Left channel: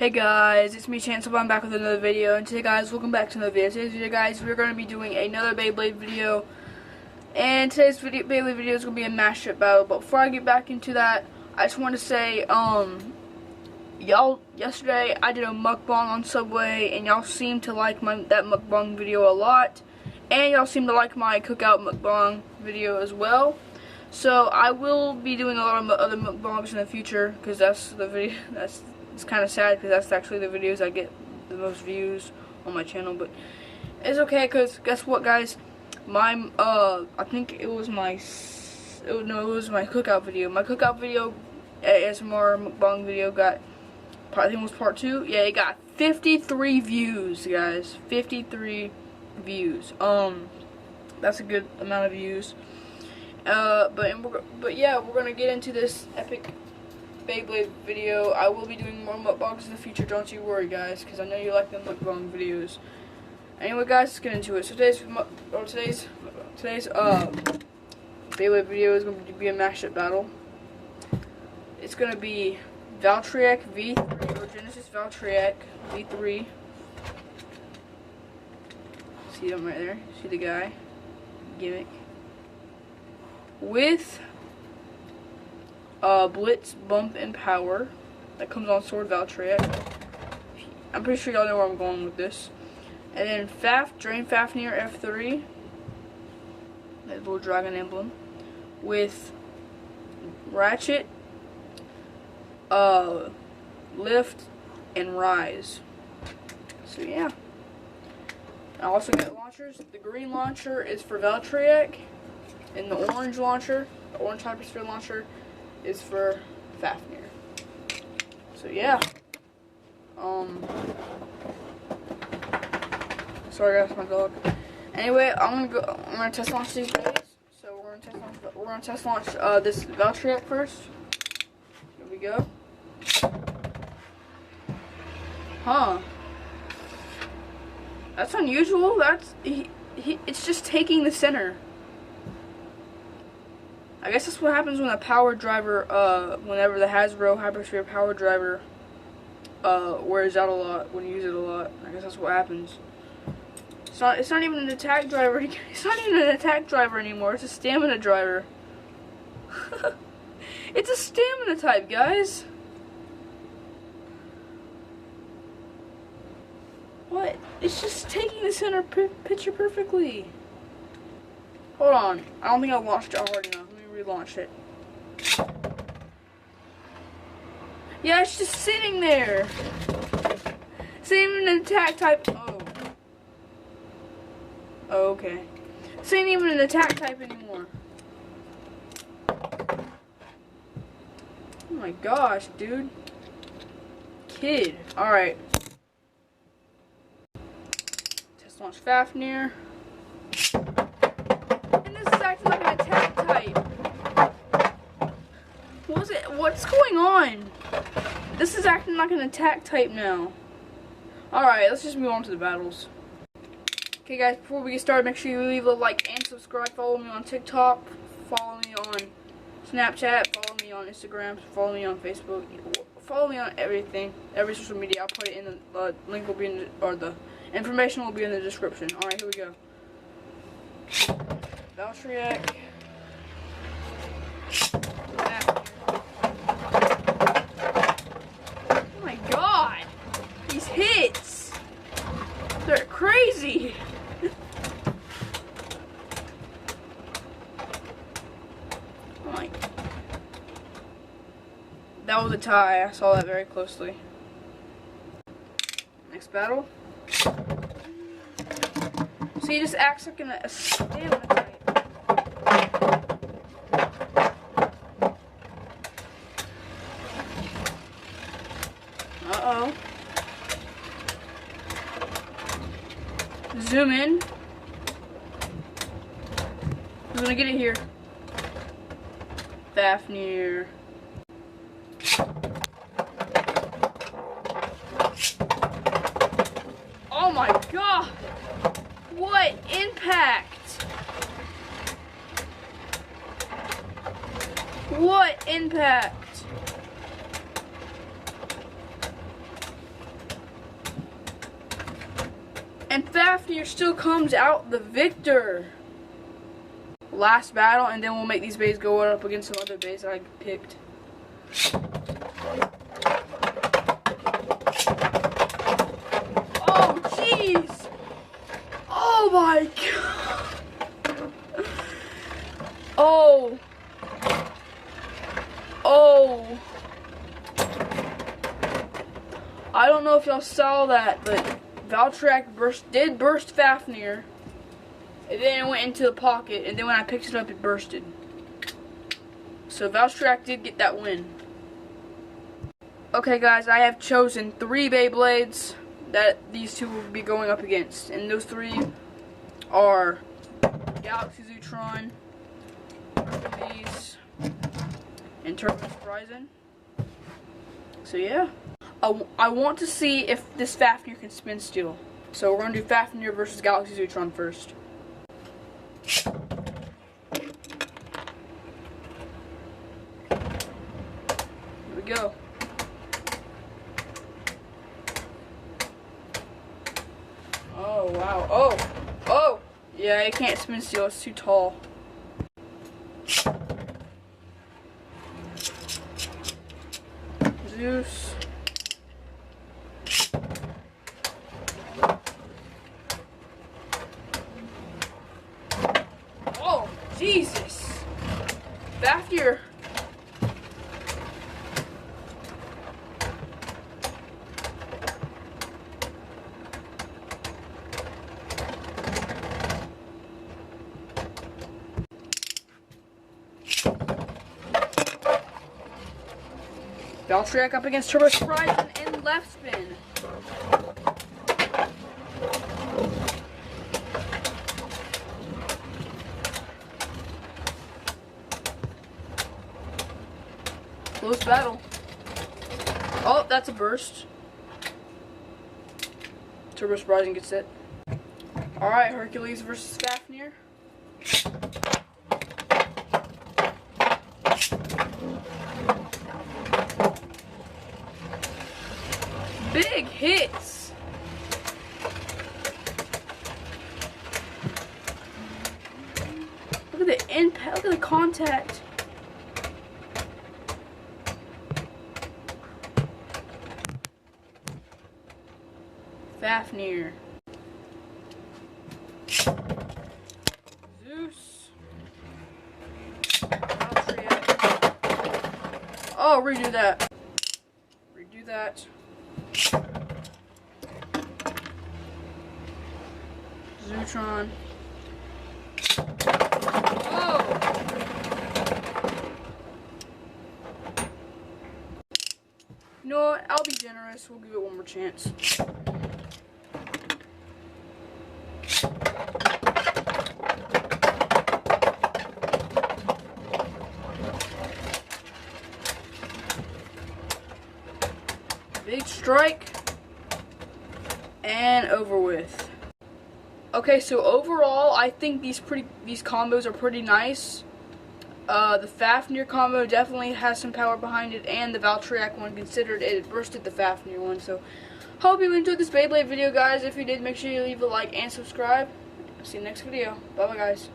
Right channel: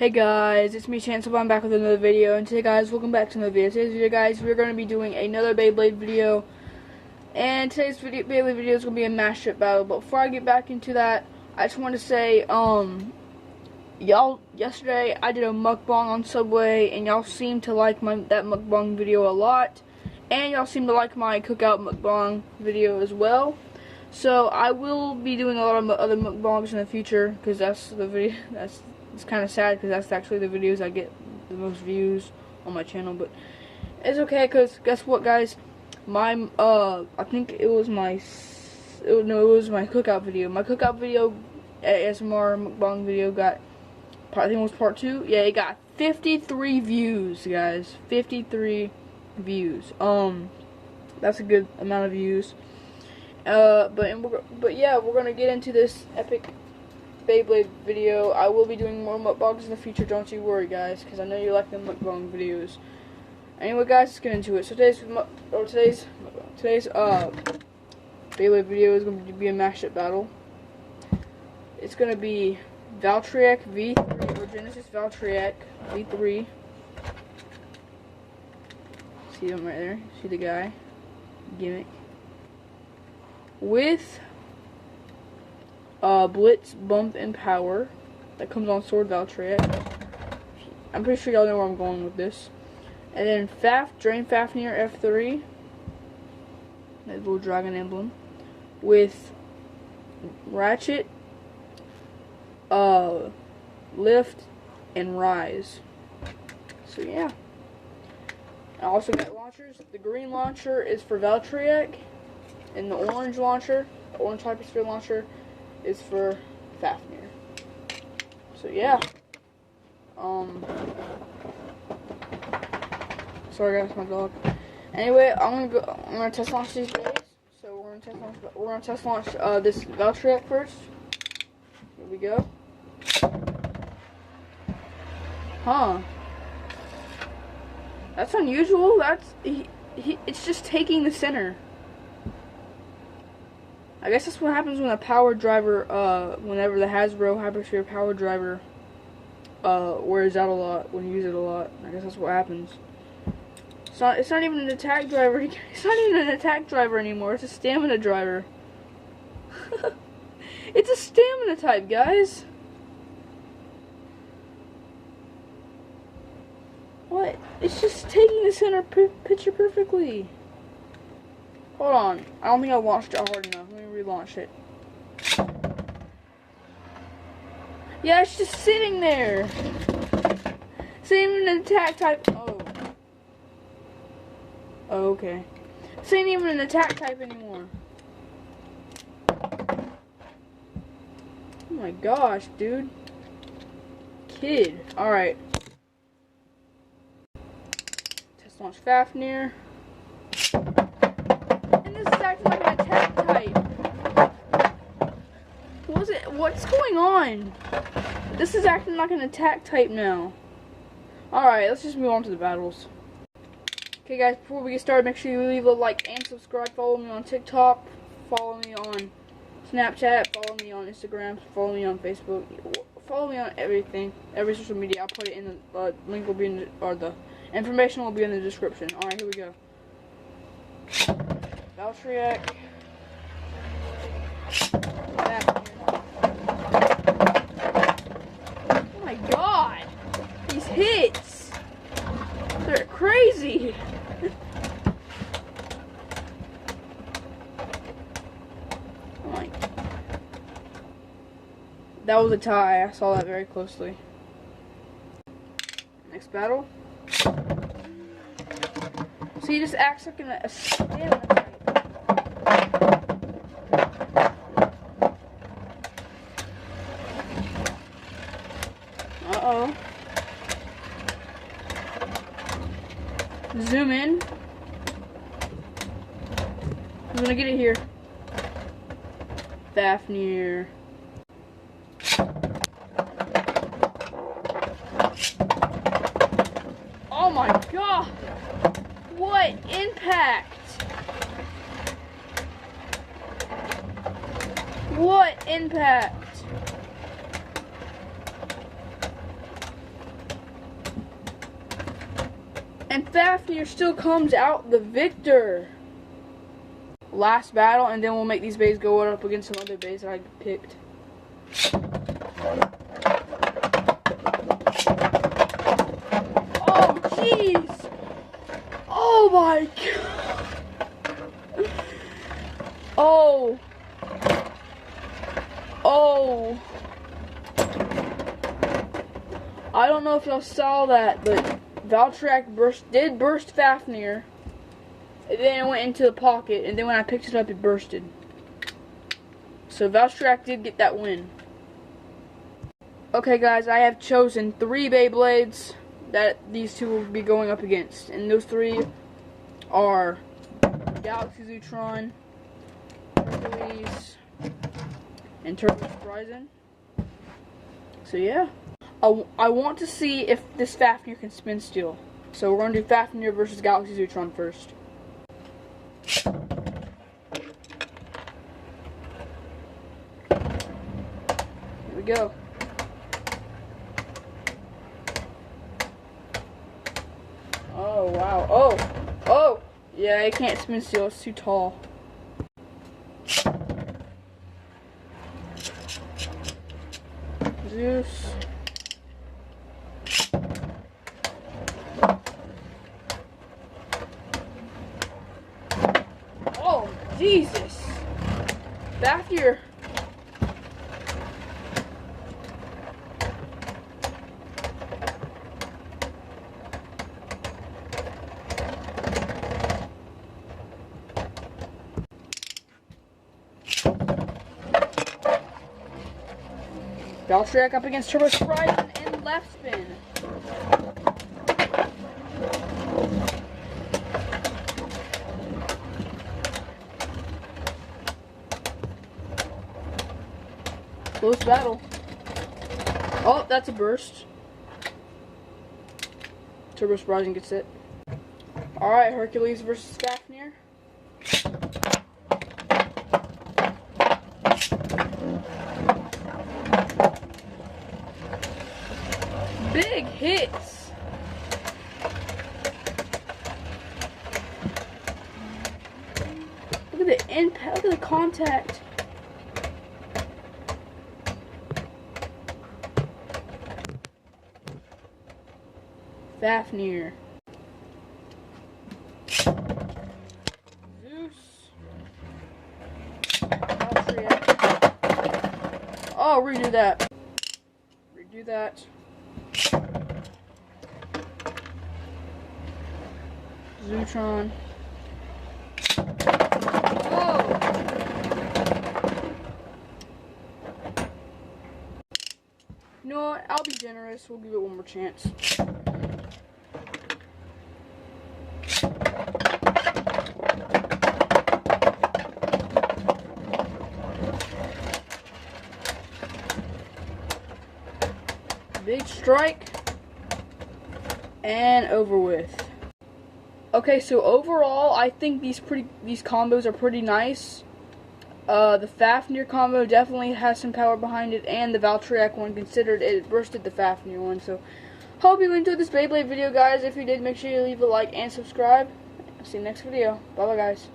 Hey guys, it's me Chance. I'm back with another video, and today guys, welcome back to another video. Today's video guys, we're going to be doing another Beyblade video, and today's Beyblade video is going to be a mashup battle. But before I get back into that, I just want to say, y'all, yesterday I did a mukbang on Subway, and y'all seemed to like that mukbang video a lot, and y'all seem to like my cookout mukbang video as well. So I will be doing a lot of other mukbangs in the future, because that's the video, it's kind of sad because that's actually the videos I get the most views on my channel, but it's okay because guess what, guys? My I think it was my cookout video. My cookout video, ASMR mukbang video, got, I think it was part 2. Yeah, it got 53 views, guys. 53 views. That's a good amount of views. But yeah, we're gonna get into this epic Beyblade video. I will be doing more mukbangs in the future, don't you worry guys, because I know you like the mukbang videos. Anyway guys, let's get into it. So today's Beyblade video is going to be a mashup battle. It's going to be Valtryek V3, or Genesis Valtryek V3. See him right there? See the guy? Gimmick. With Blitz, Bump, and Power that comes on Sword Valtryek. I'm pretty sure y'all know where I'm going with this. And then Drain Fafnir F3, that little dragon emblem, with Ratchet, Lift, and Rise. So yeah. I also got launchers. The green launcher is for Valtryek, and the orange launcher, the orange hypersphere launcher, is for Fafnir. So yeah. Sorry guys, my dog. Anyway, I'm gonna test launch these days. So we're gonna test launch this Valtryek first. Here we go. Huh. That's unusual. It's just taking the center. I guess that's what happens when a power driver, whenever the Hasbro Hypersphere power driver, wears out a lot, when you use it a lot. I guess that's what happens. It's not even an attack driver. It's not even an attack driver anymore. It's a stamina driver. It's a stamina type, guys. What? It's just taking the center picture perfectly. Hold on. I don't think I launched it hard enough. Let me relaunch it. Yeah, it's just sitting there. It's not even an attack type. Oh, okay. This ain't even an attack type anymore. Oh my gosh, dude. Kid. Alright. Test launch Fafnir. And this is acting like an attack type. What's going on? This is acting like an attack type now. Alright, let's just move on to the battles. Okay guys, before we get started, make sure you leave a like and subscribe. Follow me on TikTok, follow me on Snapchat, follow me on Instagram, follow me on Facebook, follow me on everything, every social media. I'll put it in the link will be in the information will be in the description. Alright, here we go. Valtryek. Oh my god! These hits! They're crazy! That was a tie. I saw that very closely. Next battle. So he just acts like a stamina type. Uh-oh. Zoom in. Who's gonna get it here? Fafnir. Oh my god! What impact! What impact! And Fafnir still comes out the victor. Last battle, and then we'll make these bays go up against some other bays that I picked. Oh, jeez! Oh my god! Oh! Oh! I don't know if y'all saw that, but Valtryek did burst Fafnir. And then it went into the pocket, and then when I picked it up, it bursted. So Valtryek did get that win. Okay guys, I have chosen 3 Beyblades that these two will be going up against. And those 3 are Galaxy Zootron, Hercules, and Turbo Surprising. So yeah. I want to see if this Fafnir can spin steel. So we're going to do Fafnir versus Galaxy Zootron first. Here we go. Oh, wow. Oh! Oh! Yeah, it can't spin steel. It's too tall. Zeus. Oh, Jesus! Fafnir. Valtryek up against Turbo Surprise and left spin. Close battle. Oh, that's a burst. Turbo Surprising gets it. Alright, Hercules versus Fafnir. Big hits. Look at the impact, look at the contact. Fafnir. Zeus. Valtryek. Oh, redo that. Redo that. Zootron. Oh! You know what? I'll be generous. We'll give it one more chance. Big strike. And over with. Okay, so overall, I think these combos are pretty nice. The Fafnir combo definitely has some power behind it, and the Valtryek one, considered it bursted the Fafnir one. So, hope you enjoyed this Beyblade video, guys. If you did, make sure you leave a like and subscribe. See you next video. Bye-bye, guys.